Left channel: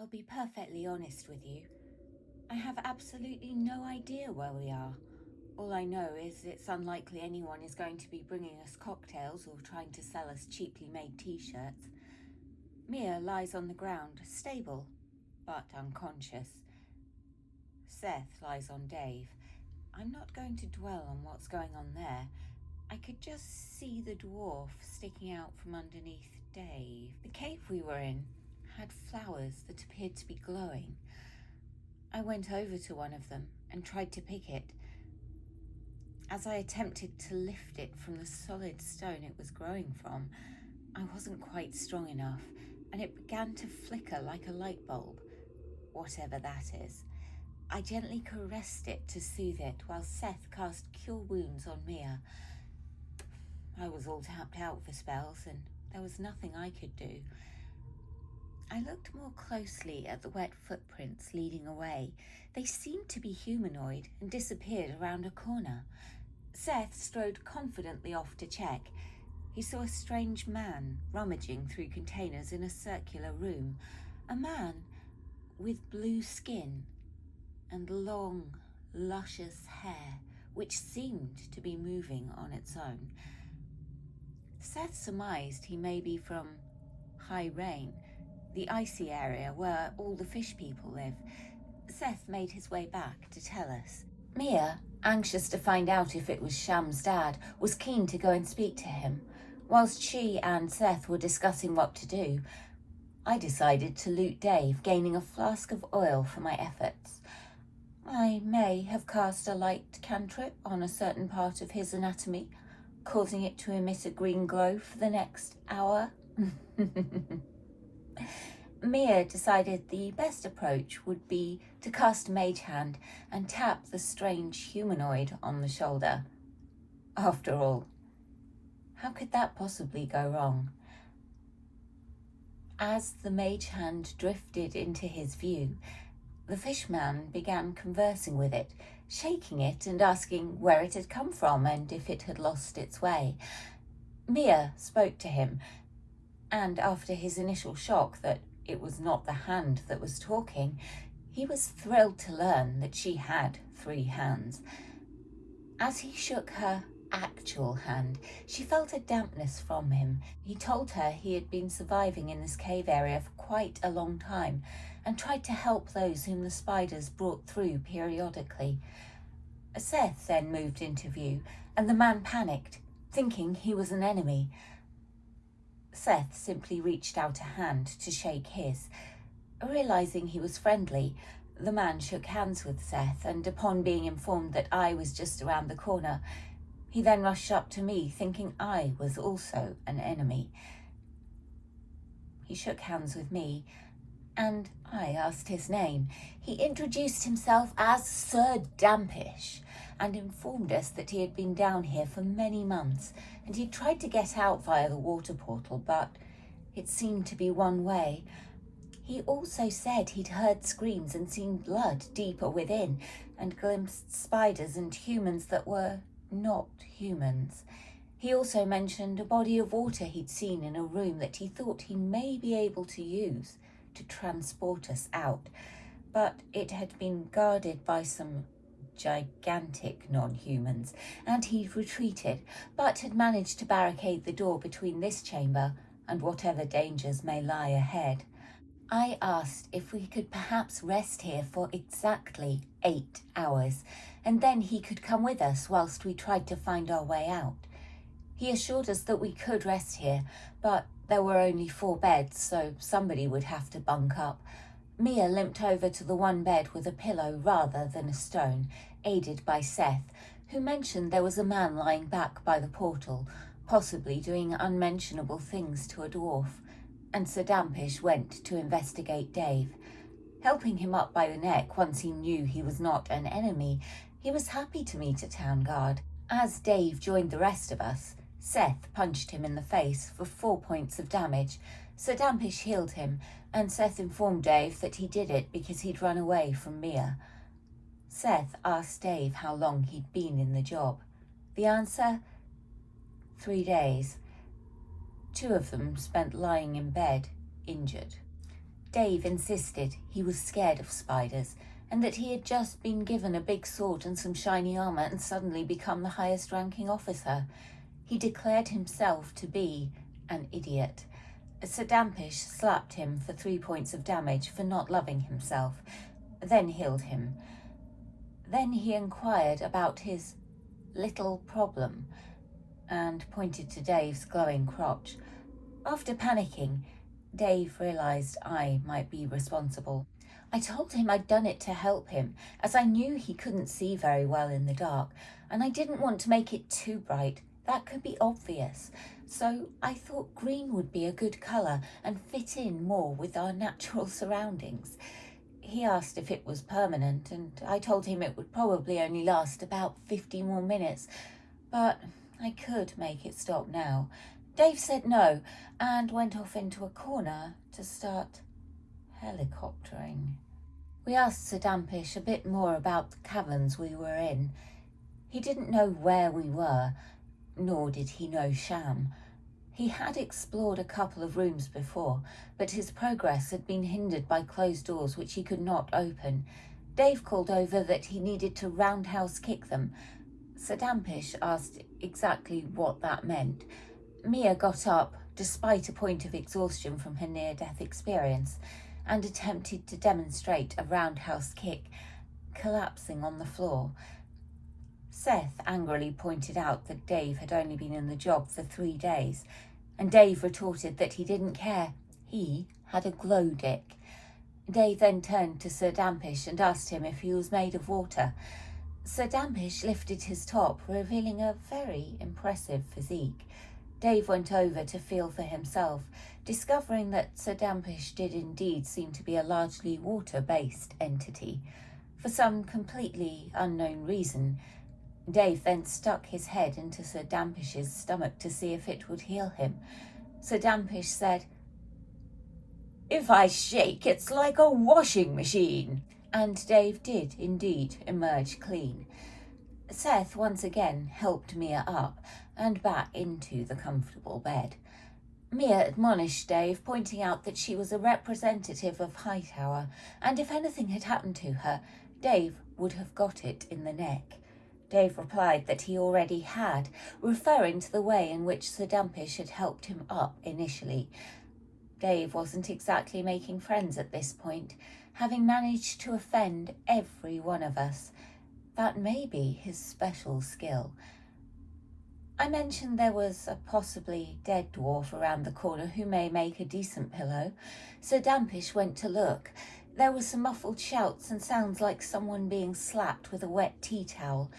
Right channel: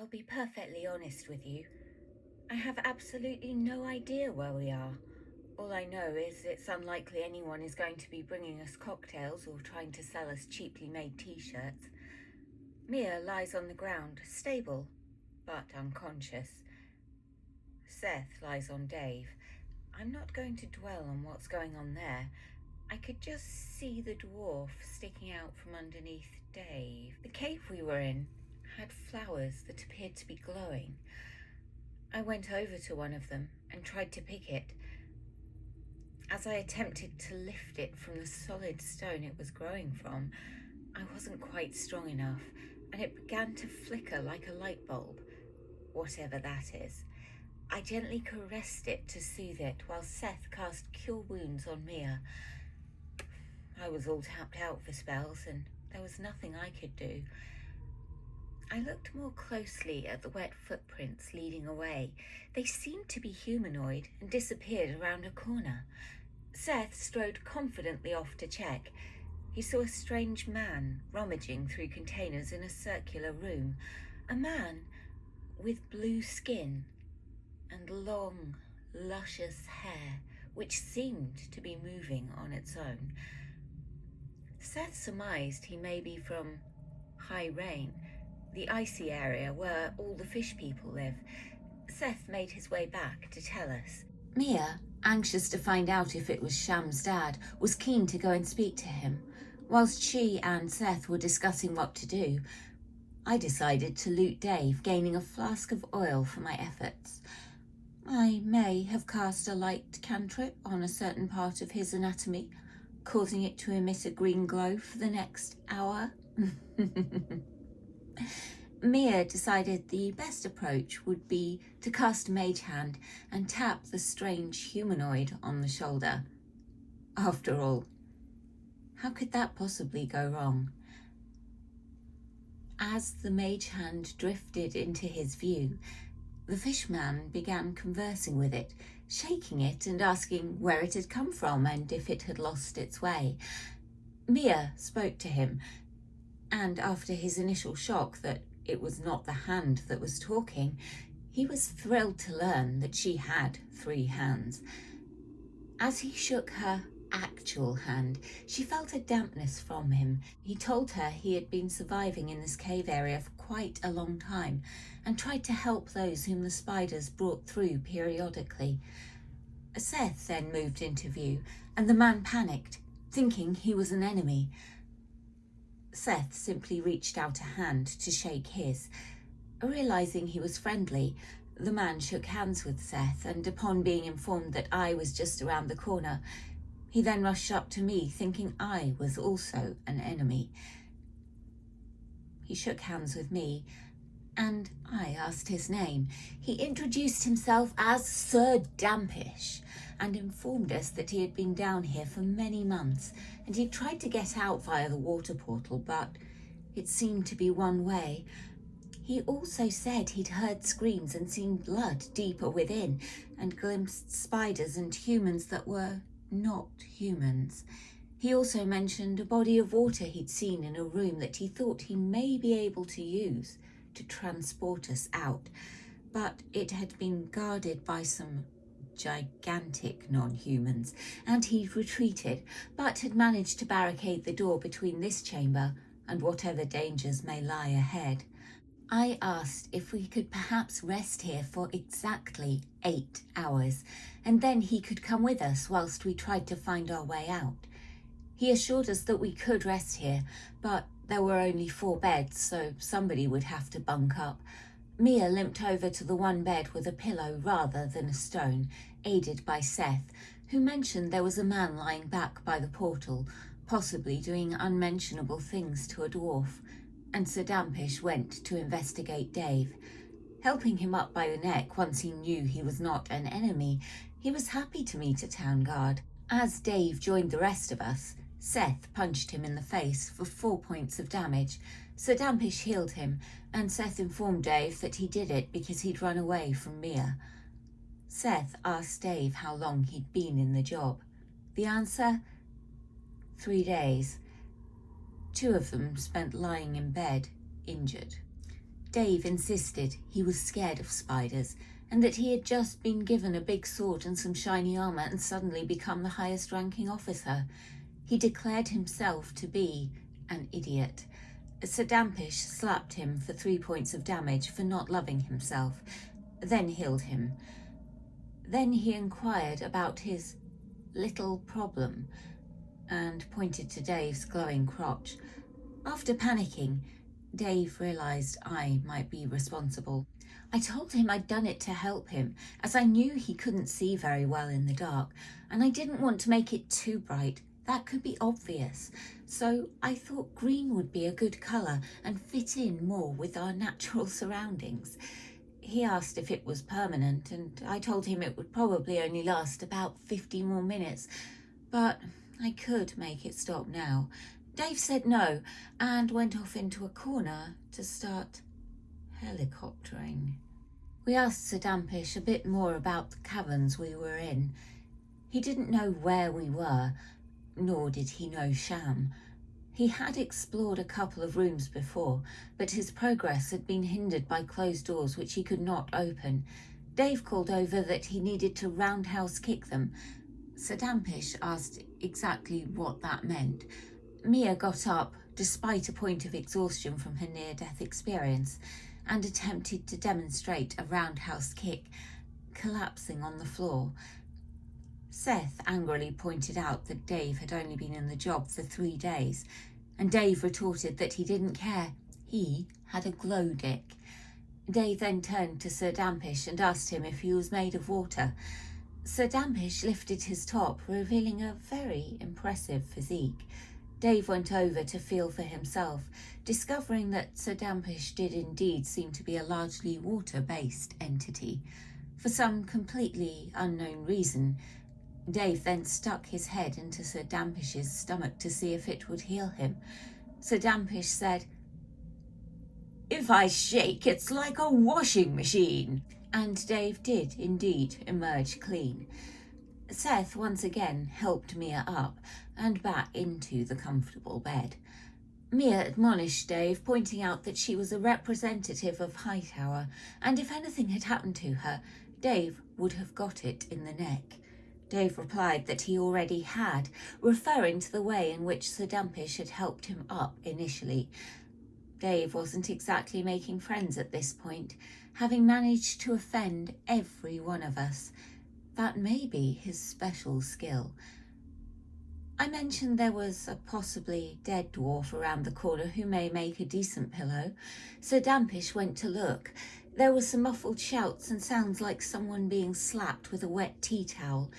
I'll be perfectly honest with you. I have absolutely no idea where we are. All I know is it's unlikely anyone is going to be bringing us cocktails or trying to sell us cheaply made t-shirts. Mia lies on the ground, stable, but unconscious. Seth lies on Dave. I'm not going to dwell on what's going on there. I could just see the dwarf sticking out from underneath Dave. The cave we were in had flowers that appeared to be glowing. I went over to one of them and tried to pick it. As I attempted to lift it from the solid stone it was growing from, I wasn't quite strong enough, and it began to flicker like a light bulb, whatever that is. I gently caressed it to soothe it while Seth cast Cure Wounds on Mia. I was all tapped out for spells, and there was nothing I could do. I looked more closely at the wet footprints leading away. They seemed to be humanoid and disappeared around a corner. Seth strode confidently off to check. He saw a strange man rummaging through containers in a circular room. A man with blue skin and long, luscious hair, which seemed to be moving on its own. Seth surmised he may be from High Rain, the icy area where all the fish people live. Seth made his way back to tell us. Mia, anxious to find out if it was Sham's dad, was keen to go and speak to him. Whilst she and Seth were discussing what to do, I decided to loot Dave, gaining a flask of oil for my efforts. I may have cast a light cantrip on a certain part of his anatomy, causing it to emit a green glow for the next hour. Mia decided the best approach would be to cast Mage Hand and tap the strange humanoid on the shoulder. After all, how could that possibly go wrong? As the Mage Hand drifted into his view, the fishman began conversing with it, shaking it and asking where it had come from and if it had lost its way. Mia spoke to him, and after his initial shock that it was not the hand that was talking, he was thrilled to learn that she had 3 hands. As he shook her actual hand, she felt a dampness from him. He told her he had been surviving in this cave area for quite a long time and tried to help those whom the spiders brought through periodically. Seth then moved into view, and the man panicked, thinking he was an enemy. Seth simply reached out a hand to shake his. Realizing he was friendly, the man shook hands with Seth, and upon being informed that I was just around the corner, he then rushed up to me, thinking I was also an enemy. He shook hands with me, and I asked his name. He introduced himself as Sir Dampish, and informed us that he had been down here for many months, and he tried to get out via the water portal, but it seemed to be one way. He also said he'd heard screams and seen blood deeper within, and glimpsed spiders and humans that were not humans. He also mentioned a body of water he'd seen in a room that he thought he may be able to use to transport us out, but it had been guarded by some gigantic non-humans, and he'd retreated, but had managed to barricade the door between this chamber and whatever dangers may lie ahead. I asked if we could perhaps rest here for exactly 8 hours, and then he could come with us whilst we tried to find our way out. He assured us that we could rest here, but there were only 4 beds, so somebody would have to bunk up. Mia limped over to the one bed with a pillow rather than a stone, aided by Seth, who mentioned there was a man lying back by the portal, possibly doing unmentionable things to a dwarf, and Sir Dampish went to investigate Dave. Helping him up by the neck once he knew he was not an enemy, he was happy to meet a town guard. As Dave joined the rest of us, Seth punched him in the face for 4 points of damage. Sir Dampish healed him, and Seth informed Dave that he did it because he'd run away from Mia. Seth asked Dave how long he'd been in the job. The answer? 3 days. 2 of them spent lying in bed, injured. Dave insisted he was scared of spiders and that he had just been given a big sword and some shiny armour and suddenly become the highest ranking officer. He declared himself to be an idiot. Sir Dampish slapped him for 3 points of damage for not loving himself, then healed him. Then he inquired about his little problem and pointed to Dave's glowing crotch. After panicking, Dave realised I might be responsible. I told him I'd done it to help him, as I knew he couldn't see very well in the dark, and I didn't want to make it too bright. That could be obvious. So I thought green would be a good colour and fit in more with our natural surroundings. He asked if it was permanent, and I told him it would probably only last about 50 more minutes, but I could make it stop now. Dave said no and went off into a corner to start helicoptering. We asked Sir Dampish a bit more about the caverns we were in. He didn't know where we were, nor did he know Sham. He had explored a couple of rooms before, but his progress had been hindered by closed doors which he could not open. Dave called over that he needed to roundhouse kick them. Sir Dampish asked exactly what that meant. Mia got up, despite a point of exhaustion from her near-death experience, and attempted to demonstrate a roundhouse kick, collapsing on the floor. Seth angrily pointed out that Dave had only been in the job for 3 days, and Dave retorted that he didn't care. He had a glow dick. Dave then turned to Sir Dampish and asked him if he was made of water. Sir Dampish lifted his top, revealing a very impressive physique. Dave went over to feel for himself, discovering that Sir Dampish did indeed seem to be a largely water-based entity. For some completely unknown reason, Dave then stuck his head into Sir Dampish's stomach to see if it would heal him. Sir Dampish said, "If I shake, it's like a washing machine." And Dave did indeed emerge clean. Seth once again helped Mia up and back into the comfortable bed. Mia admonished Dave, pointing out that she was a representative of Hightower, and if anything had happened to her, Dave would have got it in the neck. Dave replied that he already had, referring to the way in which Sir Dampish had helped him up initially. Dave wasn't exactly making friends at this point, having managed to offend every one of us. That may be his special skill. I mentioned there was a possibly dead dwarf around the corner who may make a decent pillow. Sir Dampish went to look. There were some muffled shouts and sounds like someone being slapped with a wet tea towel.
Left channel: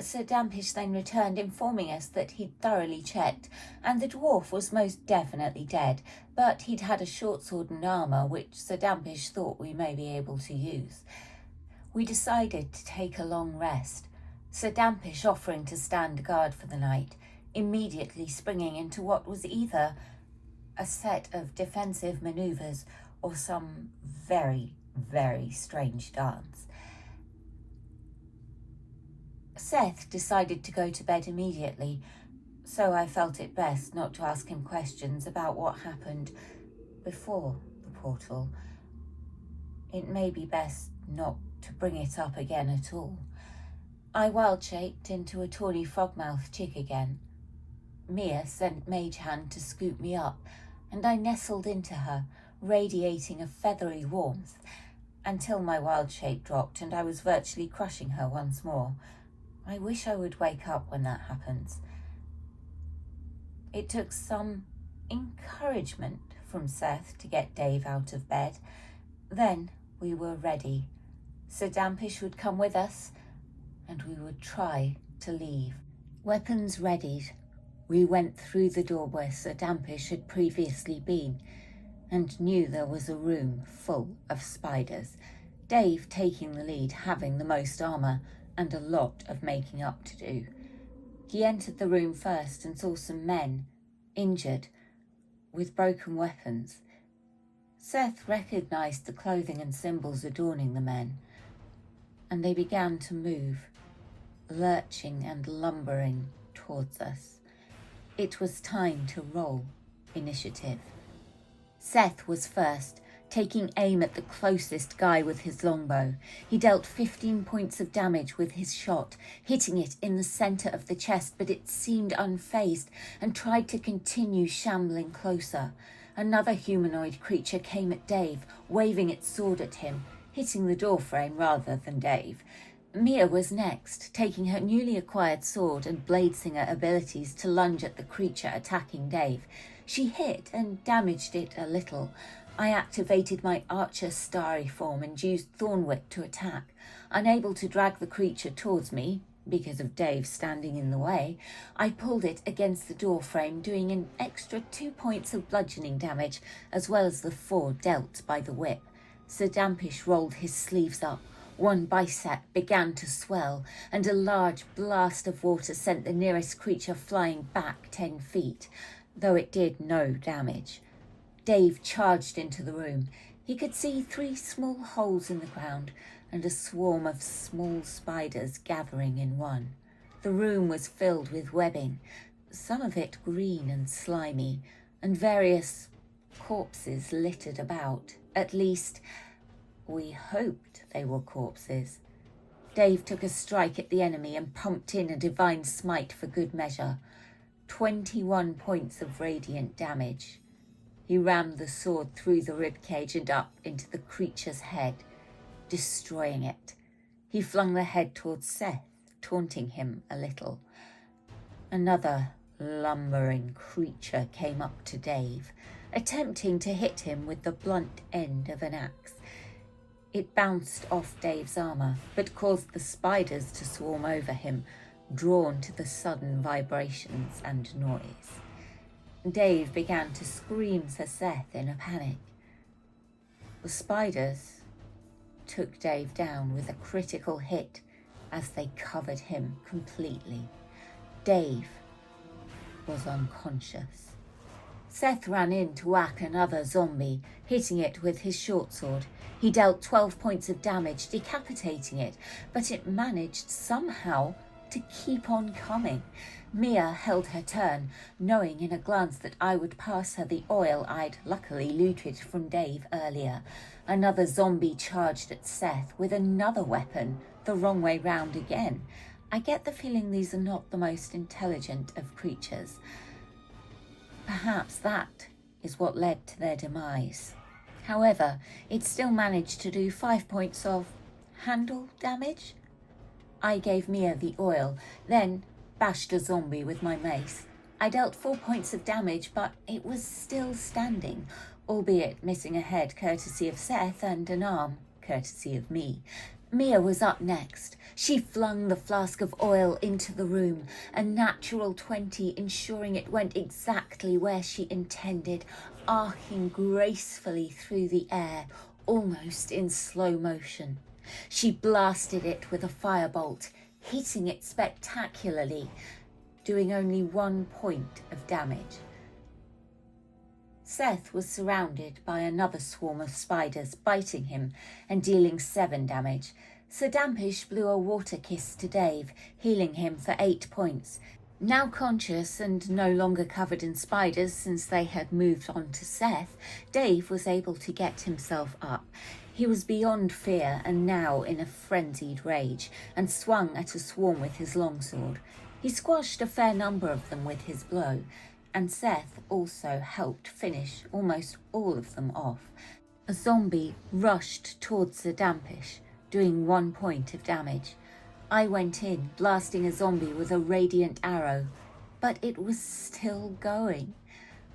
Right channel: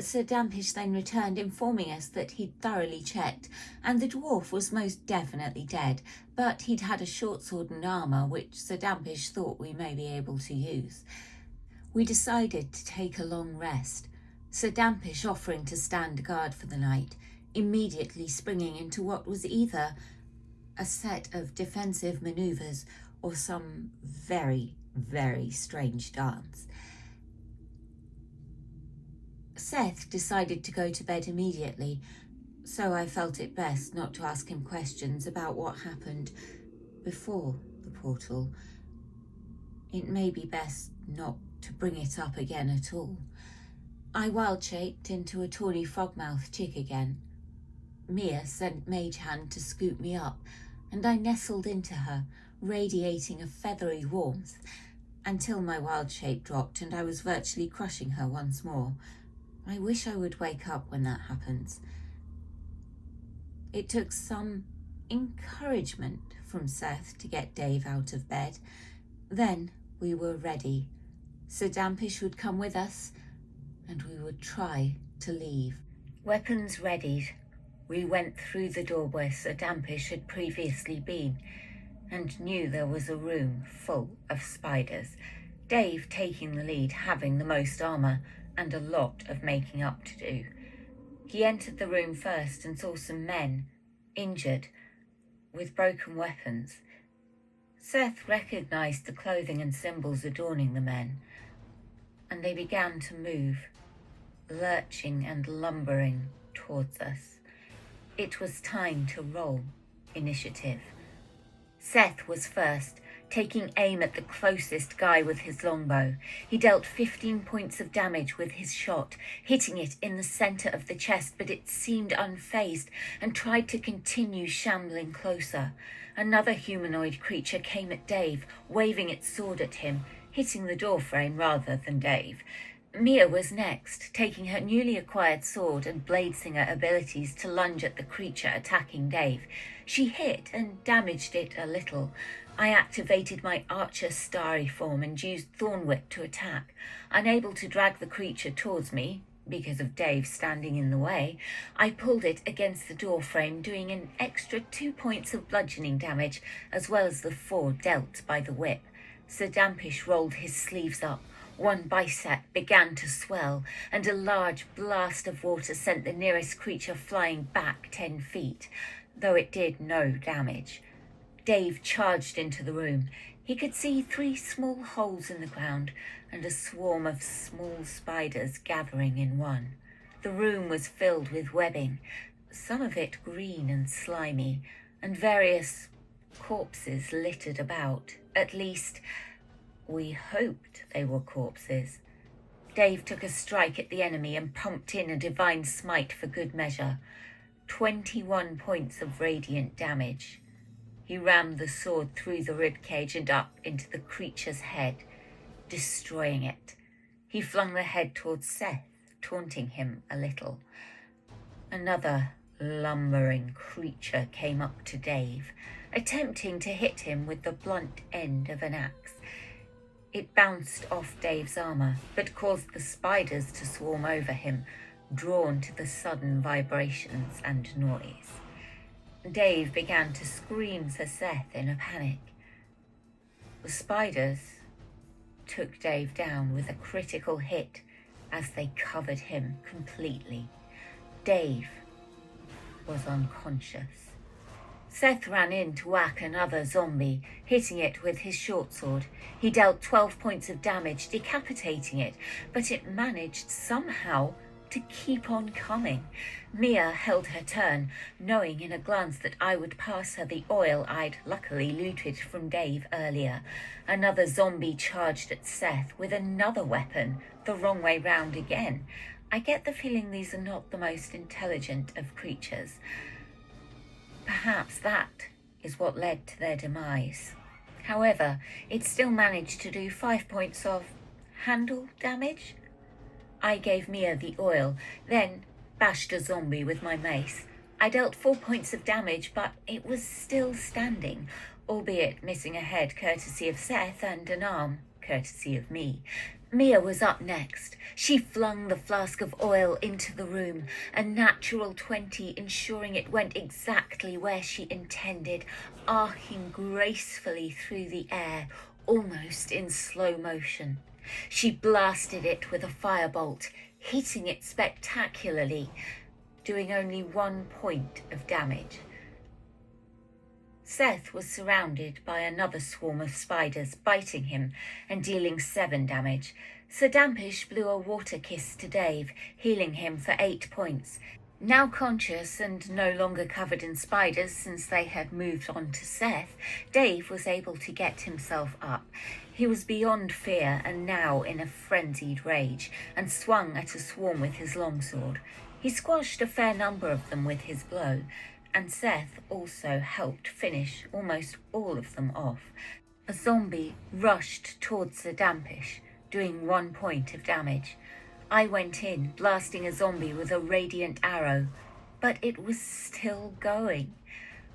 Sir Dampish then returned, informing us that he'd thoroughly checked, and the dwarf was most definitely dead, but he'd had a short sword and armour which Sir Dampish thought we may be able to use. We decided to take a long rest, Sir Dampish offering to stand guard for the night, immediately springing into what was either a set of defensive manoeuvres or some very, very strange dance. Seth decided to go to bed immediately, so I felt it best not to ask him questions about what happened before the portal. It may be best not to bring it up again at all. I wild-shaped into a tawny frogmouth chick again. Mia sent Mage Hand to scoop me up, and I nestled into her, radiating a feathery warmth, until my wild shape dropped and I was virtually crushing her once more. I wish I would wake up when that happens. It took some encouragement from Seth to get Dave out of bed. Then we were ready. Sir Dampish would come with us, and we would try to leave. Weapons readied, we went through the door where Sir Dampish had previously been, and knew there was a room full of spiders, Dave taking the lead, having the most armour and a lot of making up to do. He entered the room first and saw some men, injured, with broken weapons. Seth recognised the clothing and symbols adorning the men, and they began to move, lurching and lumbering towards us. It was time to roll initiative. Seth was first, taking aim at the closest guy with his longbow. He dealt 15 points of damage with his shot, hitting it in the centre of the chest, but it seemed unfazed and tried to continue shambling closer. Another humanoid creature came at Dave, waving its sword at him, hitting the doorframe rather than Dave. Mia was next, taking her newly acquired sword and bladesinger abilities to lunge at the creature attacking Dave. She hit and damaged it a little. I activated my archer starry form and used Thorn Whip to attack. Unable to drag the creature towards me, because of Dave standing in the way, I pulled it against the door frame, doing an extra 2 points of bludgeoning damage, as well as the 4 dealt by the whip. Sir Dampish rolled his sleeves up. One bicep began to swell, and a large blast of water sent the nearest creature flying back 10 feet, though it did no damage. Dave charged into the room. He could see 3 small holes in the ground and a swarm of small spiders gathering in one. The room was filled with webbing, some of it green and slimy, and various corpses littered about. At least, we hoped they were corpses. Dave took a strike at the enemy and pumped in a divine smite for good measure. 21 points of radiant damage. He rammed the sword through the ribcage and up into the creature's head, destroying it. He flung the head towards Seth, taunting him a little. Another lumbering creature came up to Dave, attempting to hit him with the blunt end of an axe. It bounced off Dave's armour, but caused the spiders to swarm over him, drawn to the sudden vibrations and noise. Dave began to scream for Seth in a panic. The spiders took Dave down with a critical hit as they covered him completely. Dave was unconscious. Seth ran in to whack another zombie, hitting it with his short sword. He dealt 12 points of damage, decapitating it, but it managed somehow to keep on coming. Mia held her turn, knowing in a glance that I would pass her the oil I'd luckily looted from Dave earlier. Another zombie charged at Seth with another weapon, the wrong way round again. I get the feeling these are not the most intelligent of creatures. Perhaps that is what led to their demise. However, it still managed to do 5 points of handle damage. I gave Mia the oil, then bashed a zombie with my mace. I dealt 4 points of damage, but it was still standing, albeit missing a head courtesy of Seth and an arm courtesy of me. Mia was up next. She flung the flask of oil into the room, a natural 20, ensuring it went exactly where she intended, arcing gracefully through the air, almost in slow motion. She blasted it with a firebolt, hitting it spectacularly, doing only 1 point of damage. Seth was surrounded by another swarm of spiders, biting him and dealing 7 damage. Sir Dampish blew a water kiss to Dave, healing him for 8 points. Now conscious and no longer covered in spiders since they had moved on to Seth, Dave was able to get himself up. He was beyond fear and now in a frenzied rage, and swung at a swarm with his longsword. He squashed a fair number of them with his blow, and Seth also helped finish almost all of them off. A zombie rushed towards the Dampish, doing 1 point of damage. I went in, blasting a zombie with a radiant arrow, but it was still going.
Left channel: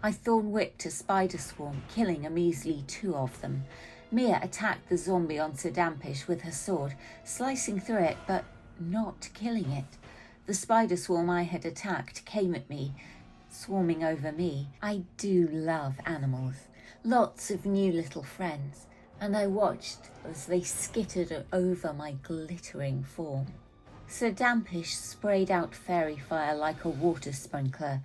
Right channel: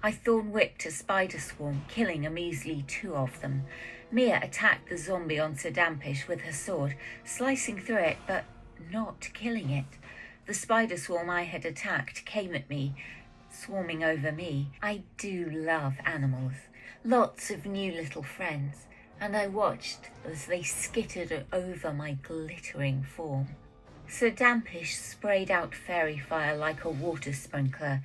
I thorn whipped a spider swarm, killing a measly 2 of them. Mia attacked the zombie on Sir Dampish with her sword, slicing through it but not killing it. The spider swarm I had attacked came at me, swarming over me. I do love animals, lots of new little friends, and I watched as they skittered over my glittering form. Sir Dampish sprayed out fairy fire like a water sprinkler.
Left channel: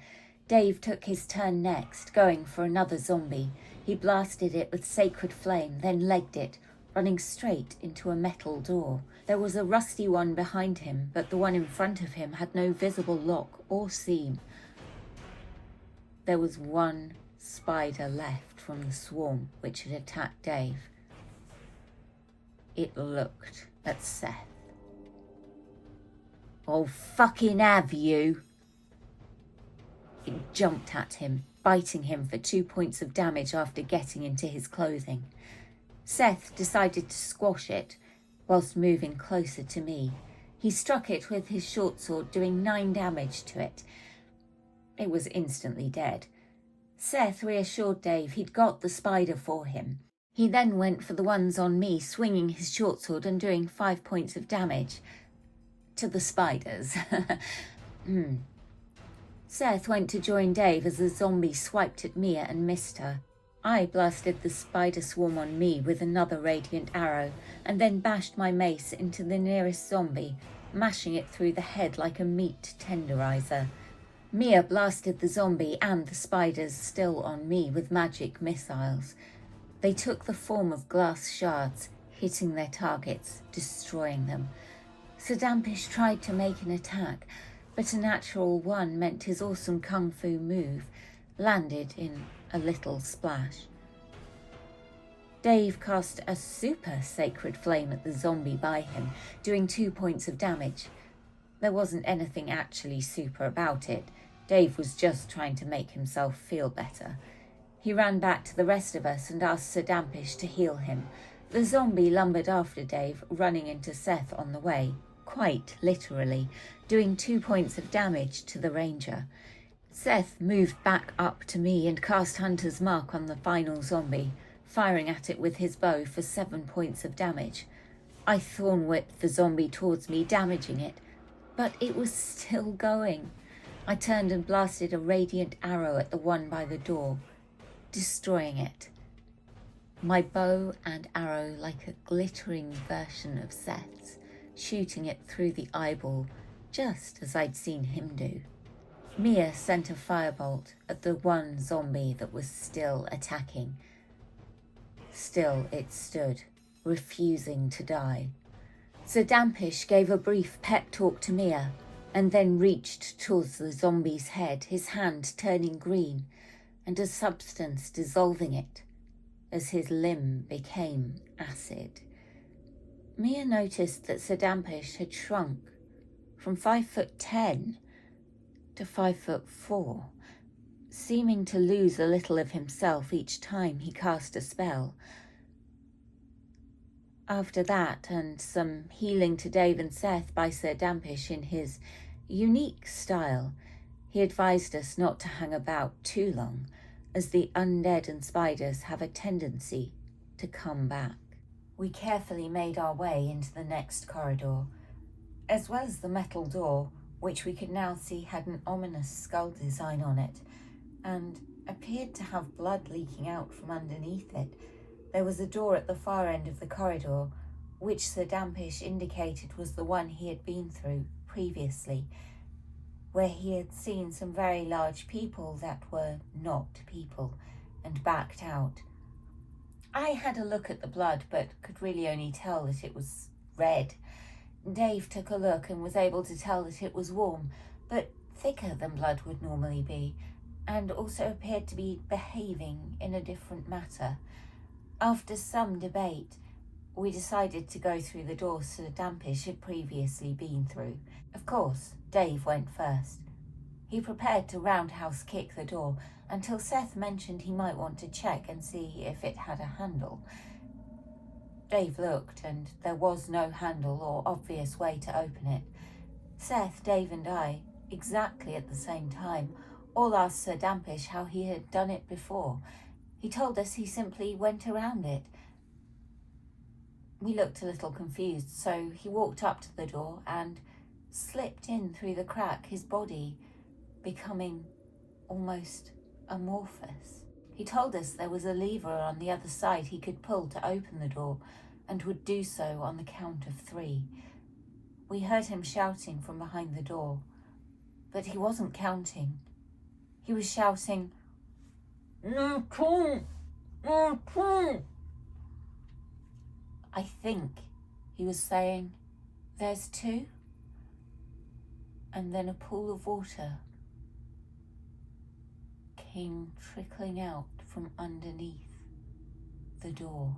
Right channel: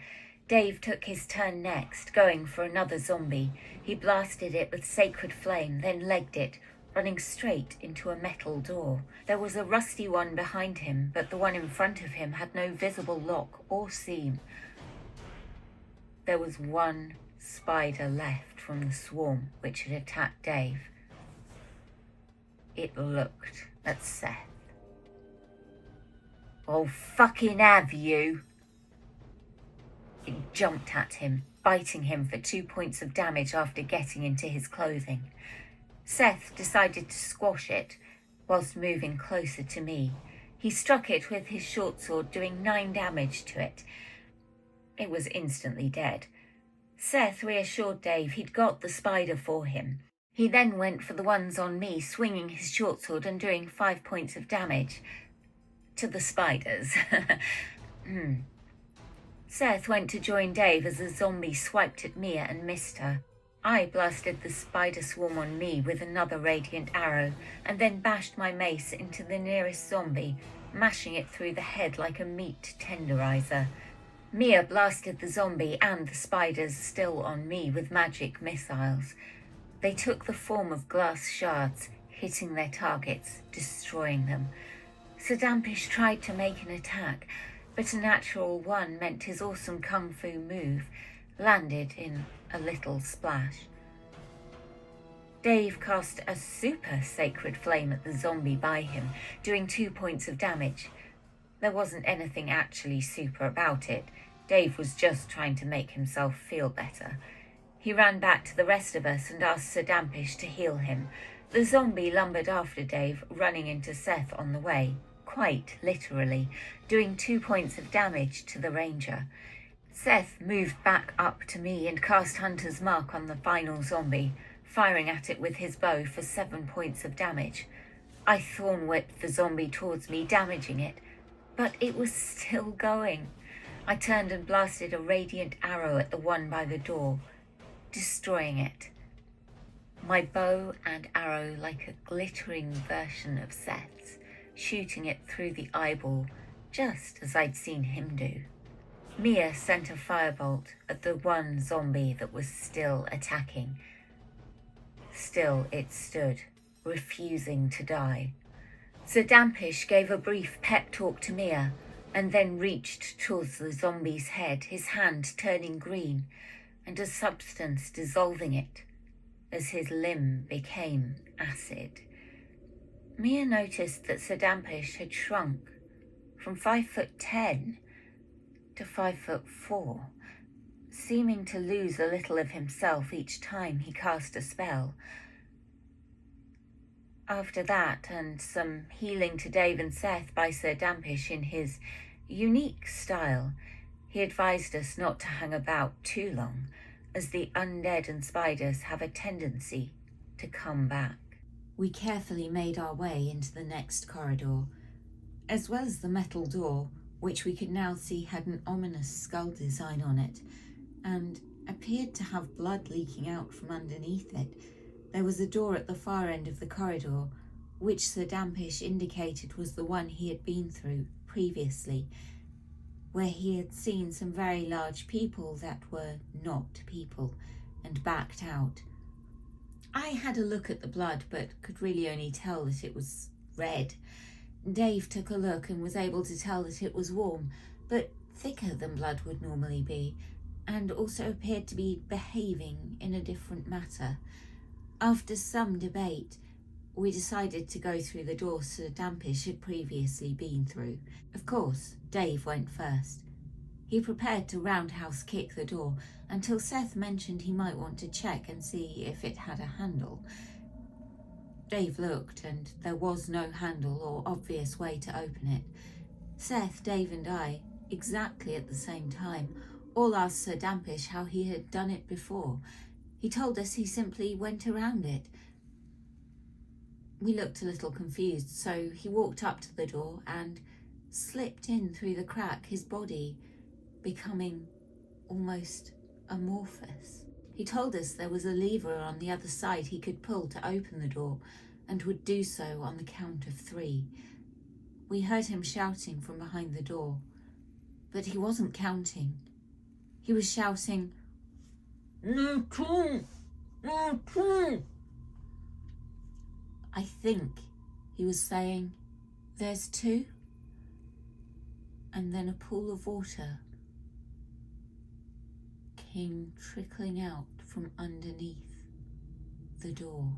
Dave took his turn next, going for another zombie. He blasted it with sacred flame, then legged it, running straight into a metal door. There was a rusty one behind him, but the one in front of him had no visible lock or seam. There was 1 spider left from the swarm which had attacked Dave. It looked at Seth. "Oh, fucking have you?" It jumped at him, biting him for 2 points of damage after getting into his clothing. Seth decided to squash it, whilst moving closer to me. He struck it with his short sword, doing 9 damage to it. It was instantly dead. Seth reassured Dave he'd got the spider for him. He then went for the ones on me, swinging his short sword and doing 5 points of damage to the spiders. Seth went to join Dave as the zombie swiped at Mia and missed her. I blasted the spider swarm on me with another radiant arrow and then bashed my mace into the nearest zombie, mashing it through the head like a meat tenderizer. Mia blasted the zombie and the spiders still on me with magic missiles. They took the form of glass shards, hitting their targets, destroying them. Sedampish tried to make an attack, but a natural one meant his awesome kung fu move landed in a little splash. Dave cast a super sacred flame at the zombie by him, doing 2 points of damage. There wasn't anything actually super about it. Dave was just trying to make himself feel better. He ran back to the rest of us and asked Sedampish to heal him. The zombie lumbered after Dave, running into Seth on the way, quite literally, doing 2 points of damage to the ranger. Seth moved back up to me and cast Hunter's Mark on the final zombie, firing at it with his bow for 7 points of damage. I thorn whipped the zombie towards me, damaging it, but it was still going. I turned and blasted a radiant arrow at the one by the door, destroying it. My bow and arrow like a glittering version of Seth's, shooting it through the eyeball, just as I'd seen him do. Mia sent a firebolt at the one zombie that was still attacking. Still it stood, refusing to die. Sedampish gave a brief pep talk to Mia, and then reached towards the zombie's head, his hand turning green, and a substance dissolving it, as his limb became acid. Mia noticed that Sedampish had shrunk from 5'10" to 5'4", seeming to lose a little of himself each time he cast a spell. After that, and some healing to Dave and Seth by Sedampish in his unique style, he advised us not to hang about too long, as the undead and spiders have a tendency to come back. We carefully made our way into the next corridor, as well as the metal door, which we could now see had an ominous skull design on it, and appeared to have blood leaking out from underneath it. There was a door at the far end of the corridor, which Sedampish indicated was the one he had been through previously, where he had seen some very large people that were not people, and backed out. I had a look at the blood, but could really only tell that it was red. Dave took a look and was able to tell that it was warm, but thicker than blood would normally be, and also appeared to be behaving in a different matter. After some debate, we decided to go through the door Sedampish had previously been through. Of course, Dave went first. He prepared to roundhouse kick the door until Seth mentioned he might want to check and see if it had a handle. Dave looked, and there was no handle or obvious way to open it. Seth, Dave and I, exactly at the same time, all asked Sedampish how he had done it before. He told us he simply went around it. We looked a little confused, so he walked up to the door and slipped in through the crack, his body becoming almost amorphous. He told us there was a lever on the other side he could pull to open the door, and would do so on the count of 3. We heard him shouting from behind the door, but he wasn't counting. He was shouting, "No, two, no, two." I think he was saying, "There's 2." And then a pool of water came trickling out from underneath the door.